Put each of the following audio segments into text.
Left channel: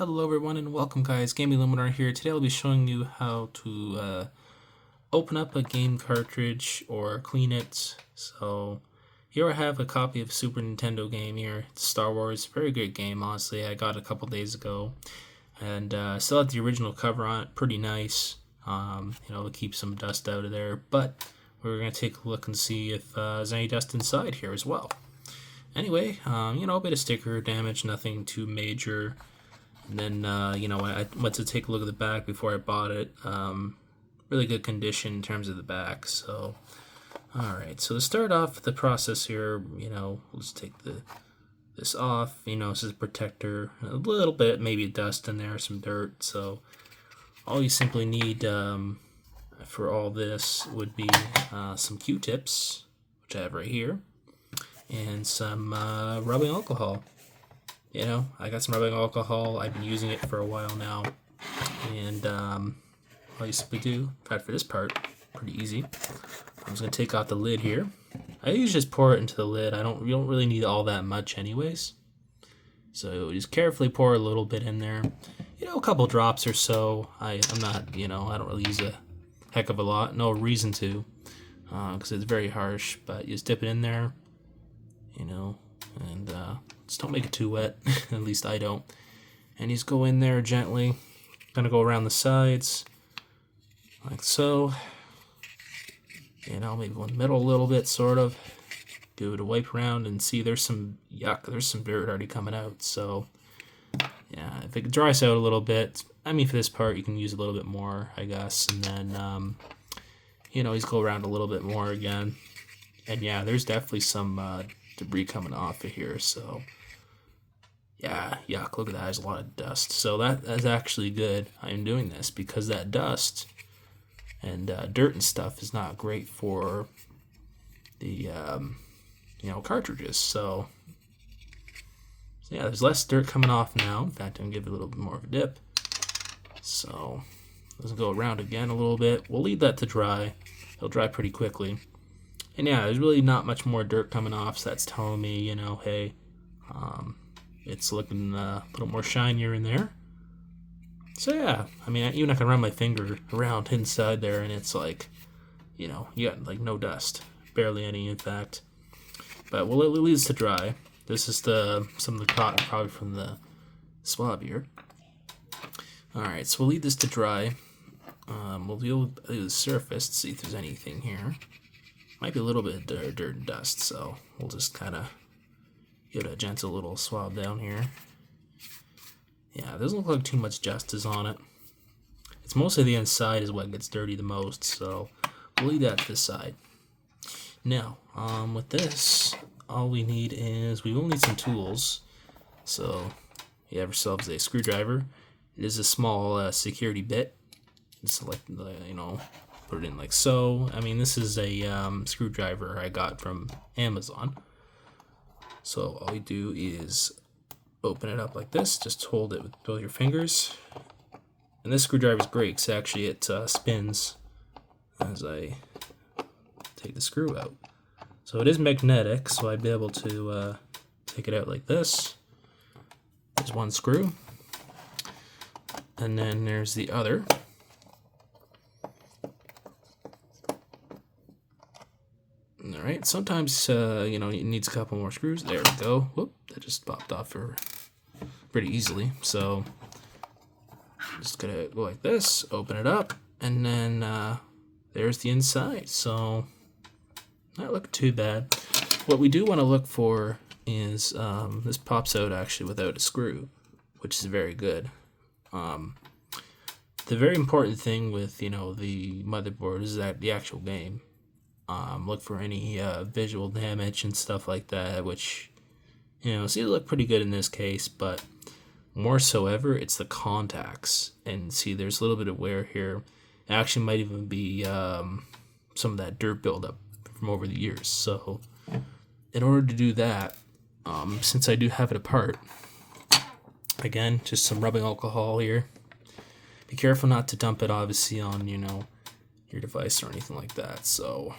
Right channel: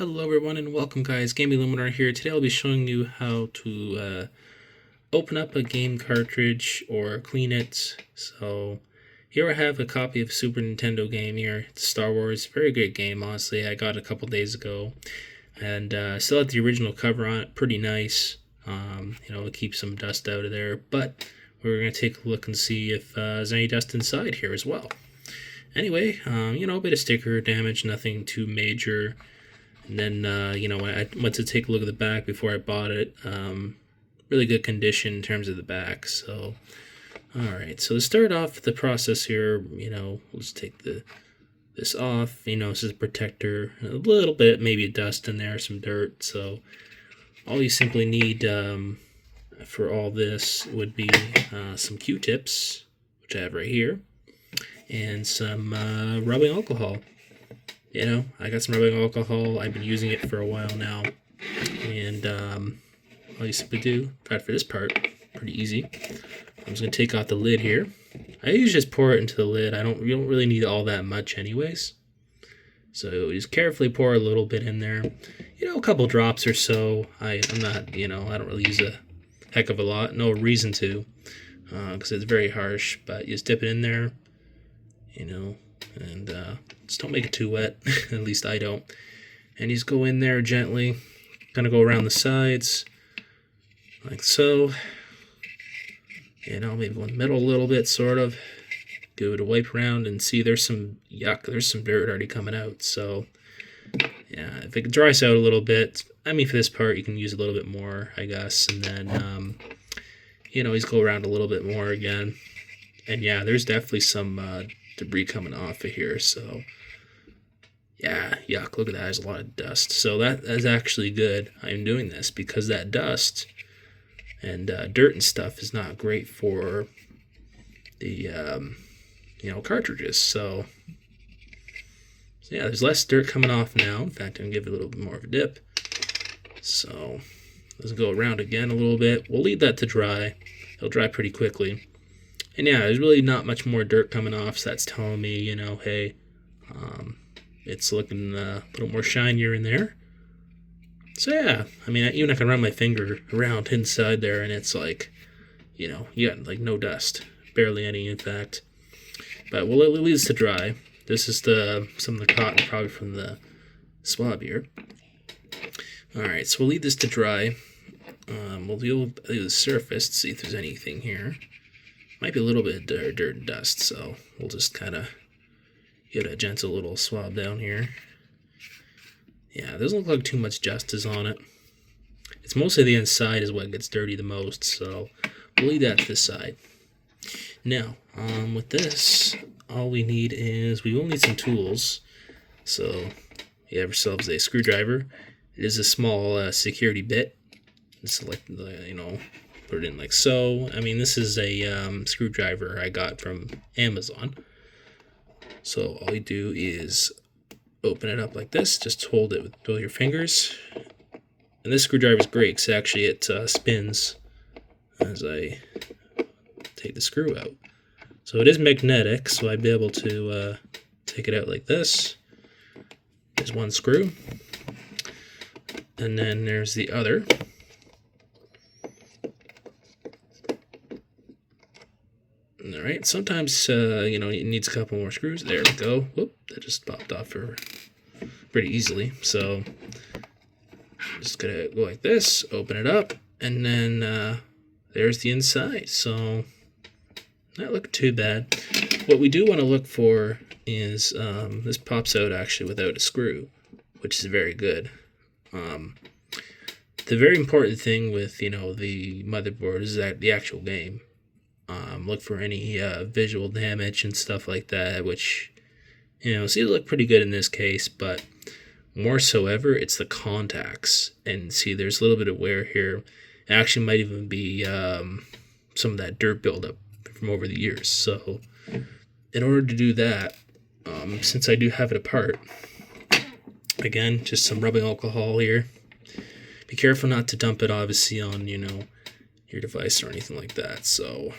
Hello everyone and welcome guys, Gaming Luminary here. Today I'll be showing you how to open up a game cartridge or clean it. So here I have a copy of a Super Nintendo game here. It's Star Wars, very great game honestly. I got it a couple days ago and still had the original cover on it, pretty nice. To keep some dust out of there, but we're going to take a look and see if there's any dust inside here as well. Anyway, a bit of sticker damage, nothing too major. And then, when I went to take a look at the back before I bought it, really good condition in terms of the back. So, alright, so to start off the process here, let's take this off. This is a protector, a little bit, maybe dust in there, some dirt. So, all you simply need for all this would be some Q-tips, which I have right here, and some rubbing alcohol. I got some rubbing alcohol. I've been using it for a while now. And all you simply do, for this part, pretty easy. I'm just going to take off the lid here. I usually just pour it into the lid. You don't really need all that much anyways. So just carefully pour a little bit in there. A couple drops or so. I'm not, I don't really use a heck of a lot. No reason to, because it's very harsh. But you just dip it in there, and just don't make it too wet. At least I don't. And you just go in there gently. Gonna go around the sides like so. Maybe one middle a little bit, sort of. Give it a wipe around and see there's some yuck. There's some dirt already coming out. So yeah, if it dries out a little bit, for this part you can use a little bit more, I guess. And then just go around a little bit more again. And yeah, there's definitely some debris coming off of here. So yeah, yuck, look at that, there's a lot of dust. So that is actually good. I'm doing this because that dust and dirt and stuff is not great for the cartridges. So yeah, there's less dirt coming off now. In fact, I'm gonna give it a little bit more of a dip. So let's go around again a little bit. We'll leave that to dry. It'll dry pretty quickly. And yeah, there's really not much more dirt coming off, so that's telling me, hey, it's looking a little more shinier in there. So yeah, even I can run my finger around inside there, and it's like, you got like no dust, barely any, in fact. But we'll leave this to dry. This is some of the cotton probably from the swab here. All right, so we'll leave this to dry. We'll deal with the surface to see if there's anything here. Might be a little bit of dirt and dust, so we'll just kind of give it a gentle little swab down here. Yeah, doesn't look like too much dust is on it. It's mostly the inside is what gets dirty the most, so we'll leave that to the side. Now, with this, all we need is, we will need some tools. So, you have yourselves a screwdriver. It is a small security bit. Just like, put it in like so. This is a screwdriver I got from Amazon. So all you do is open it up like this. Just hold it with both your fingers. And this screwdriver is great because actually it spins as I take the screw out. So it is magnetic, so I'd be able to take it out like this. There's one screw. And then there's the other. All right, sometimes, it needs a couple more screws. There we go. Whoop, that just popped off pretty easily. So, just gonna go like this, open it up, and then there's the inside. So, not looking too bad. What we do want to look for is, this pops out actually without a screw, which is very good. The very important thing with, the motherboard is that the actual game. Look for any visual damage and stuff like that, which, seems to look pretty good in this case, but more so ever, it's the contacts. And see, there's a little bit of wear here. It actually might even be some of that dirt buildup from over the years. So, in order to do that, since I do have it apart, again, just some rubbing alcohol here. Be careful not to dump it, obviously, on, your device or anything like that. So,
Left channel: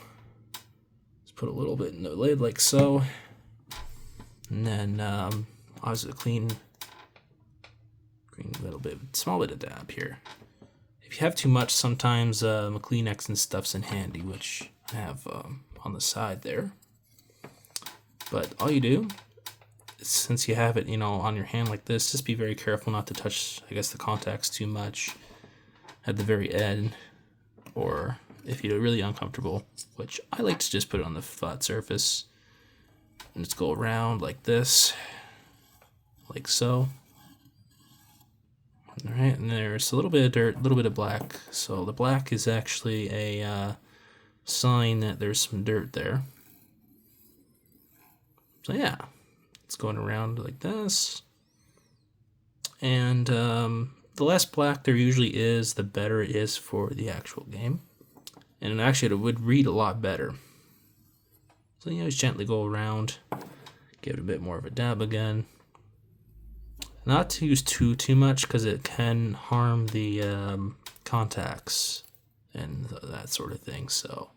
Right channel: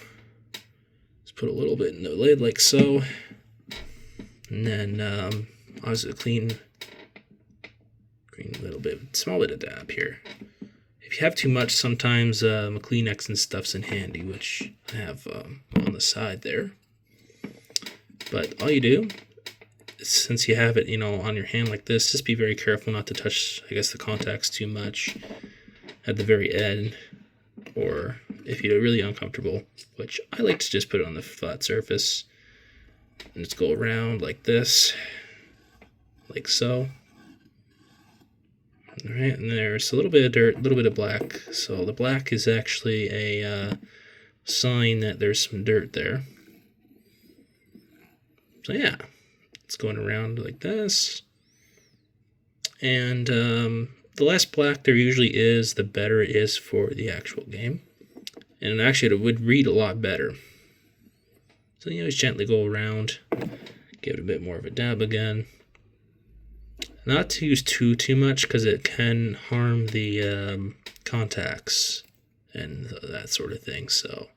put a little bit in the lid like so, and then obviously clean green little bit, small bit of dab here. If you have too much, sometimes a Kleenex and stuff's in handy, which I have on the side there. But all you do, since you have it, on your hand like this, just be very careful not to touch, I guess, the contacts too much at the very end, or if you're really uncomfortable, which I like to just put it on the flat surface and just go around like this, like so. All right, and there's a little bit of dirt, a little bit of black. So the black is actually a sign that there's some dirt there. So yeah, it's going around like this. And the less black there usually is, the better it is for the actual game. And actually, it would read a lot better. So just gently go around, give it a bit more of a dab again. Not to use too much because it can harm the contacts and that sort of thing. So,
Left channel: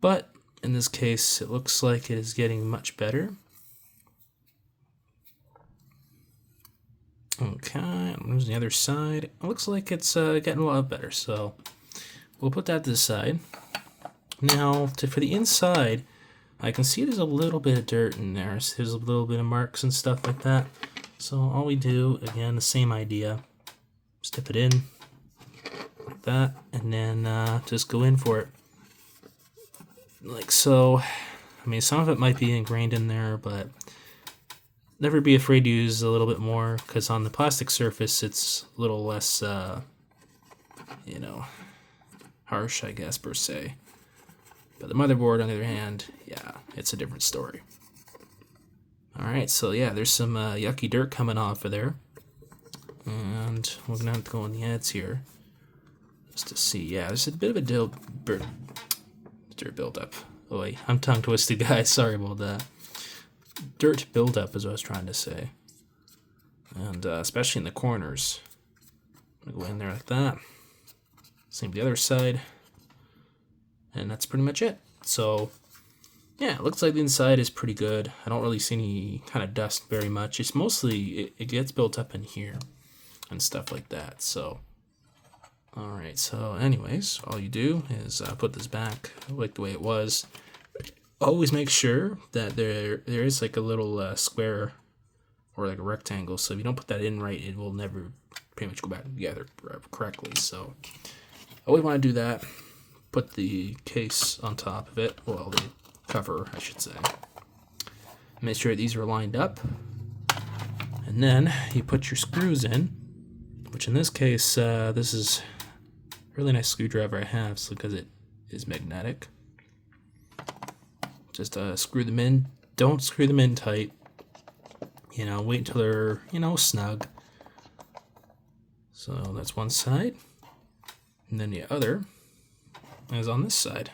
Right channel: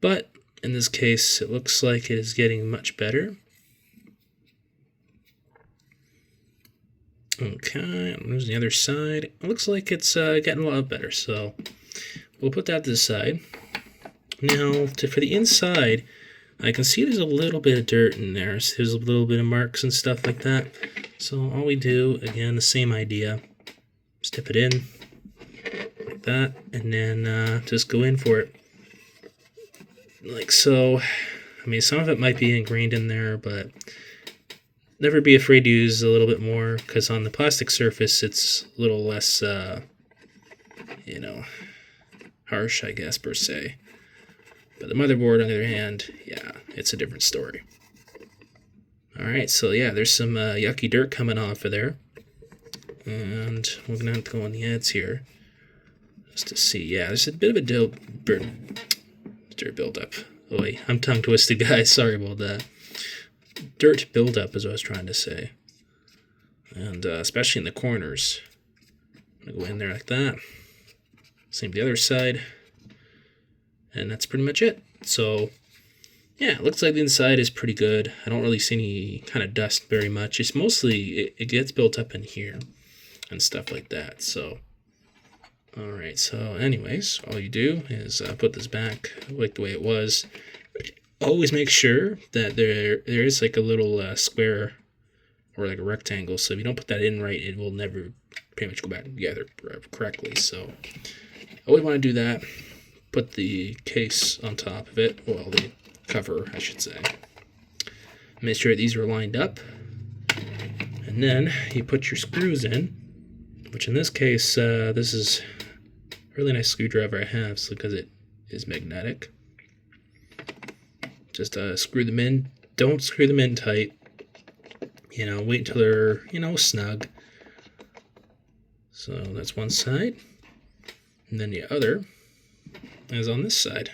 but in this case, it looks like it is getting much better. Okay, I'm using the other side. It looks like it's getting a lot better. So we'll put that to the side. Now, for the inside, I can see there's a little bit of dirt in there. So there's a little bit of marks and stuff like that. So all we do, again, the same idea. Just dip it in like that, and then just go in for it. Like so. I mean, some of it might be ingrained in there, but never be afraid to use a little bit more, because on the plastic surface, it's a little less, harsh, I guess, per se. But the motherboard, on the other hand, yeah, it's a different story. Alright, so yeah, there's some yucky dirt coming off of there. And we're going to have to go on the edges here just to see. Yeah, there's a bit of a dirt buildup. Oh, wait, I'm tongue twisted, guys. Sorry about that. Dirt buildup is what I was trying to say. And especially in the corners. I'm going to go in there like that. Same the other side. And that's pretty much it. So yeah, it looks like the inside is pretty good. I don't really see any kind of dust very much. It's mostly, it gets built up in here and stuff like that. So, all right. So anyways, all you do is put this back like the way it was. Always make sure that there is like a little square or like a rectangle. So if you don't put that in right, it will never pretty much go back together correctly. So always want to do that. Put the case on top of it. Well, the cover, I should say. Make sure these are lined up, and then you put your screws in, which in this case, this is a really nice screwdriver I have, so because it is magnetic. Just screw them in. Don't screw them in tight. Wait until they're snug. So that's one side, and then the other is on this side.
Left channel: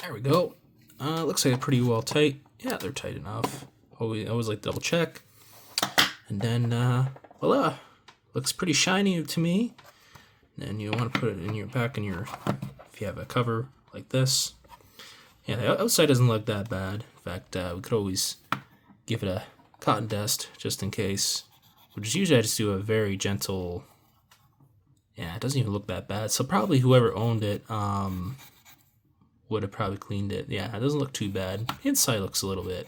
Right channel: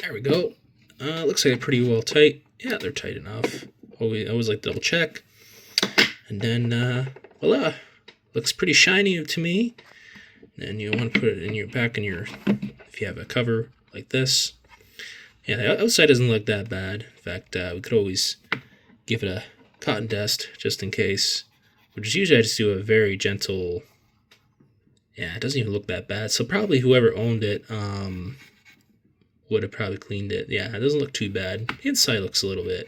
There we go. Looks like they're pretty well tight. Yeah, they're tight enough. Always like to double check. And then, voila. Looks pretty shiny to me. Then you want to put it in if you have a cover like this. Yeah, the outside doesn't look that bad. In fact, we could always give it a cotton dust just in case. Which is usually I just do a very gentle. Yeah, it doesn't even look that bad. So probably whoever owned it, would have probably cleaned it. Yeah, it doesn't look too bad. The inside looks a little bit,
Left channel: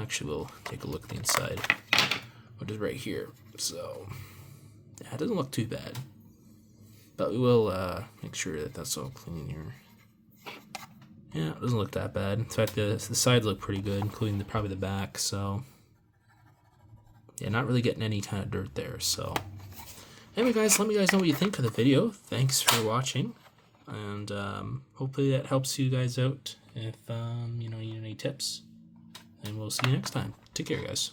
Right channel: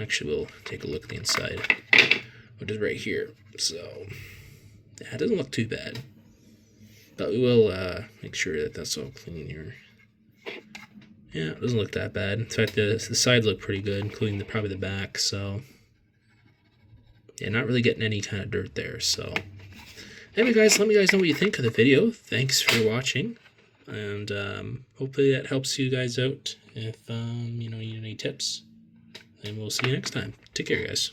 actually we'll take a look at the inside, which is right here. So, yeah, it doesn't look too bad. But we will make sure that that's all clean here. Yeah, it doesn't look that bad. In fact, the sides look pretty good, including probably the back. So, yeah, not really getting any kind of dirt there. So, anyway, guys, let me guys know what you think of the video. Thanks for watching. And hopefully that helps you guys out if you need any tips. And we'll see you next time. Take care, guys.